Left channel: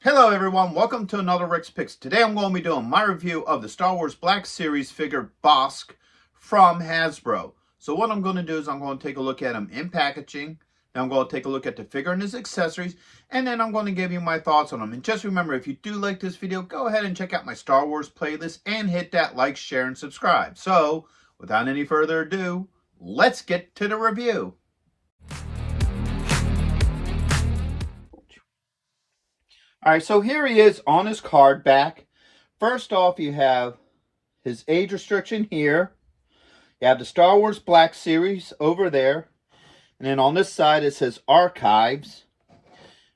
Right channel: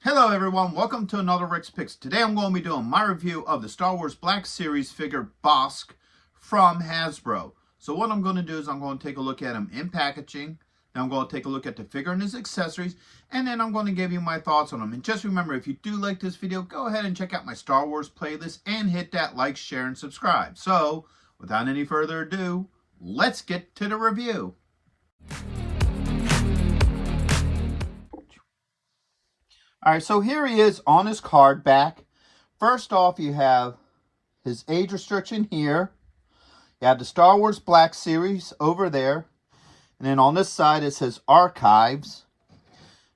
Hello everyone, welcome to another Rick's Picks. Today I'm going to be doing my review of the Star Wars Black Series figure Bossk from Hasbro. So what I'm going to do is I'm going to take a look at him in packaging. Then I'm going to take a look at the figure and his accessories. And then I'm going to give you my thoughts on him. And just remember, if you do like this video, go ahead and check out my Star Wars playlist and hit that like, share, and subscribe. So without any further ado, let's get to the review. Alright, so here he is on his card back. First off, you have his age restriction here. You have the Star Wars Black Series over there. And then on this side, it says Archives.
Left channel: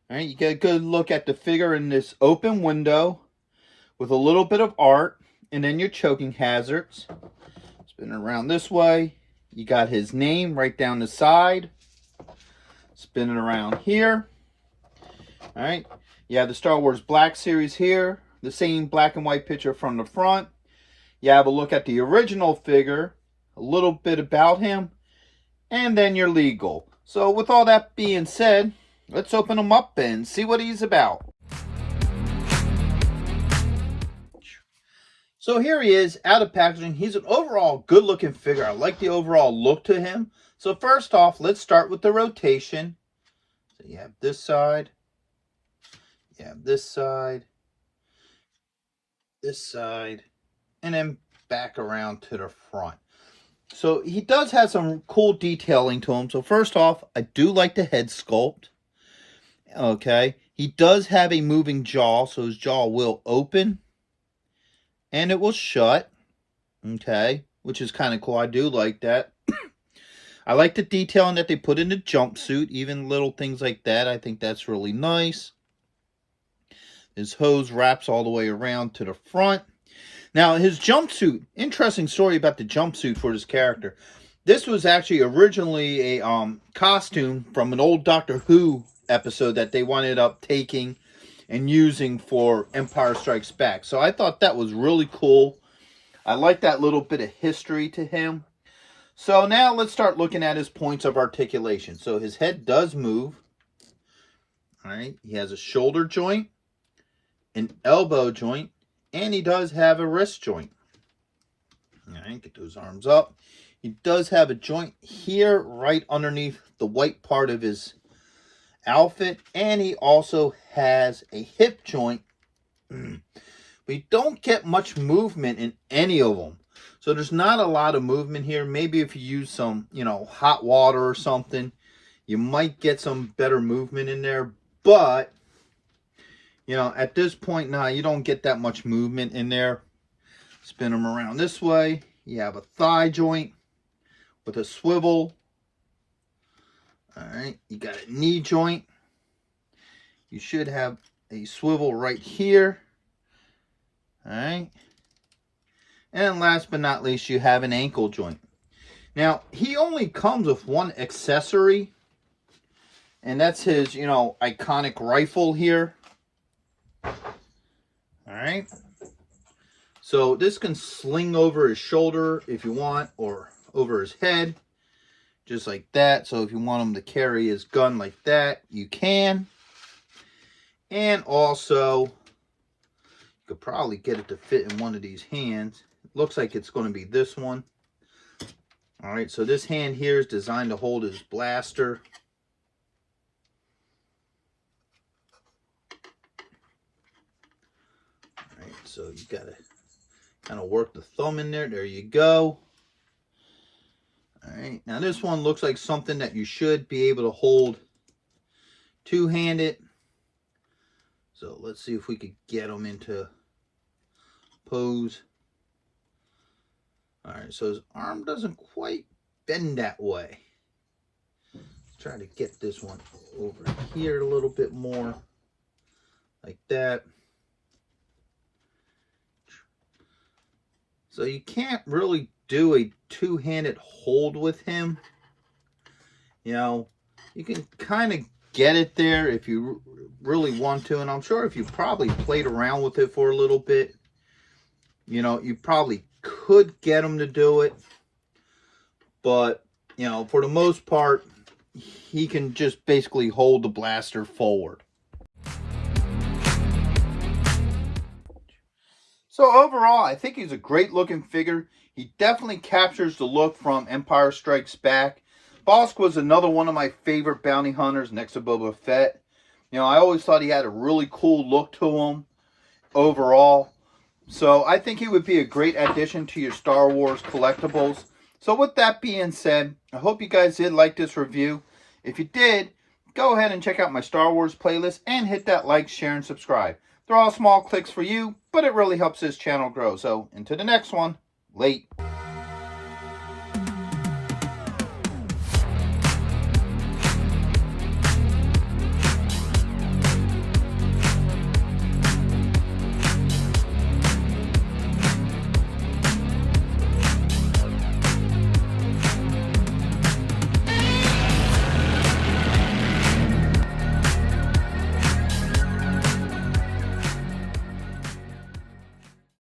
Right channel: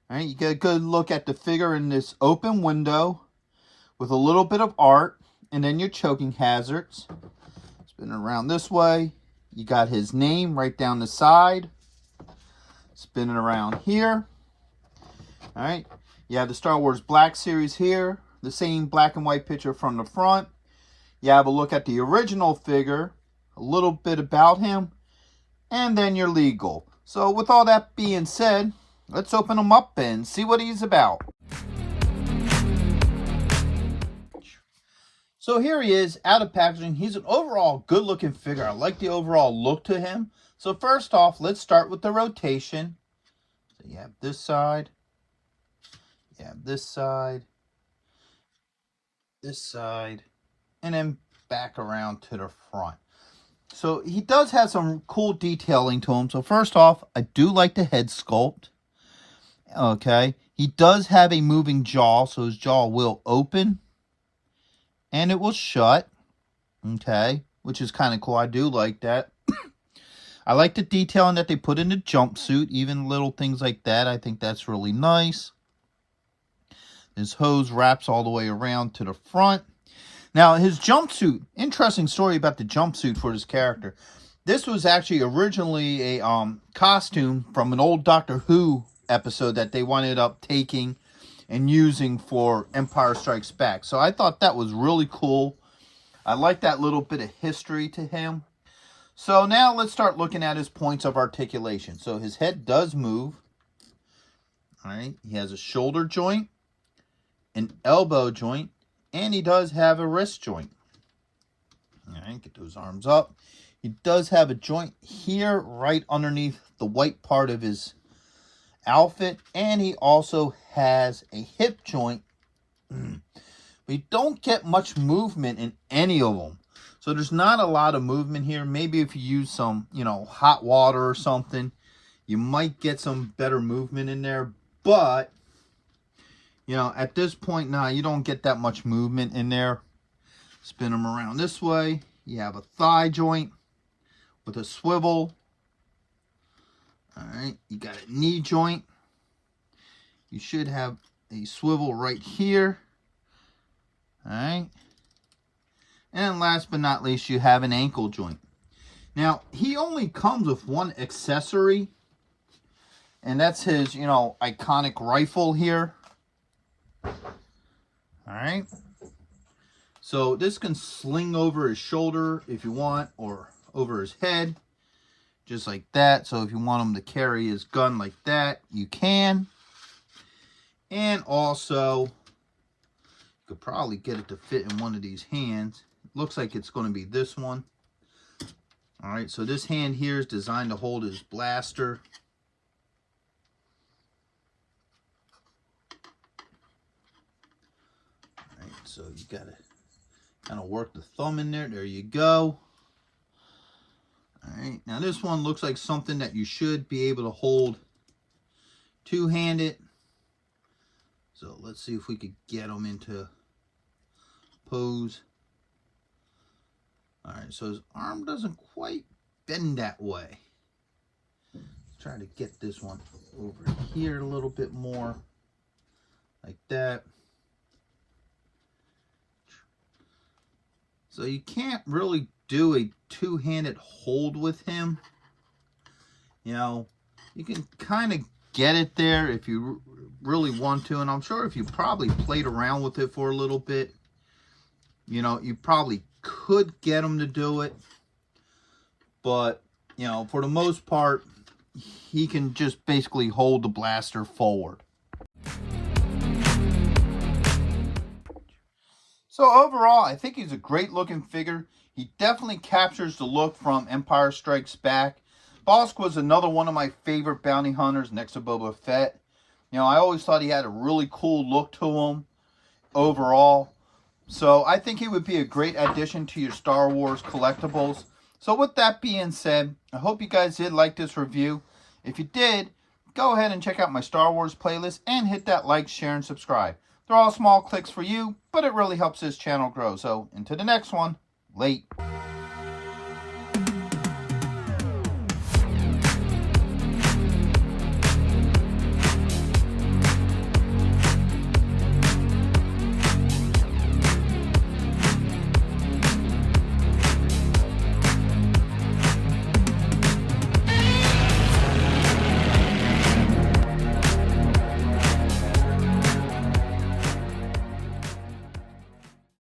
Alright, you get a good look at the figure in this open window with a little bit of art. And then your choking hazards. Spin it around this way. You got his name right down the side. Spin it around here. Alright. You have the Star Wars Black Series here. The same black and white picture from the front. You have a look at the original figure. A little bit about him. And then you're legal. So with all that being said, let's open him up and see what he's about. So here he is out of packaging. He's an overall good looking figure. I like the overall look to him. So first off, let's start with the rotation. So you have this side. You have this side, and then back around to the front. So he does have some cool detailing to him. So first off, I do like the head sculpt. Okay. He does have a moving jaw, so his jaw will open and it will shut. Okay. Which is kind of cool. I do like that. I like the detailing that they put in the jumpsuit, even little things like that. I think that's really nice. His hose wraps all the way around to the front. Now, his jumpsuit, interesting story about the jumpsuit for this character. This was actually originally a costume from an old Doctor Who episode that they wound up taking and using for Empire Strikes Back. So I thought that was really cool. I like that little bit of history to him. So now let's start looking at his points of articulation. So his head does move. All right, he has a shoulder joint, an elbow joint, and he does have a wrist joint. All right, get those arms up. He does have a joint here right underneath the white part of his outfit, and he also has a hip joint. We don't get much movement in any of them. So there's not a lot of movement here. Maybe if you use some, hot water or something, you might get some better movement in there, but at this point now, you don't get that much movement in there. Spin them around this way. You have a thigh joint with a swivel. All right, you got a knee joint. You should have a swivel right here. All right. And last but not least, you have an ankle joint. Now, he only comes with one accessory, and that's his, iconic rifle here. Alright, so this can sling over his shoulder if you want, or over his head, just like that. So if you want him to carry his gun like that, you can. And also, you could probably get it to fit in one of these hands. It looks like it's going to be this one. Alright, so this hand here is designed to hold his blaster. So you got to kind of work the thumb in there. There you go. All right. Now this one looks like something that you should be able to hold two-handed. So let's see if we could get them into pose. All right. So his arm doesn't quite bend that way. Let's try to get this one over here a little bit more. Like that. So you can't really do a two-handed hold with him. You can kind of get it there if you really want to. And I'm sure if you probably played around with it for a little bit, you probably could get him to do it. But, for the most part, he can just basically hold the blaster forward. So overall, I think he's a great looking figure. He definitely captures the look from Empire Strikes Back. Bossk was another one of my favorite bounty hunters next to Boba Fett. You know, I always thought he had a really cool look to him overall. So I think he would be a great addition to your Star Wars collectibles. So with that being said, I hope you guys did like this review. If you did, go ahead and check out my Star Wars playlist and hit that like, share, and subscribe. They're all small clicks for you, but it really helps this channel grow. So, into the next one. Late.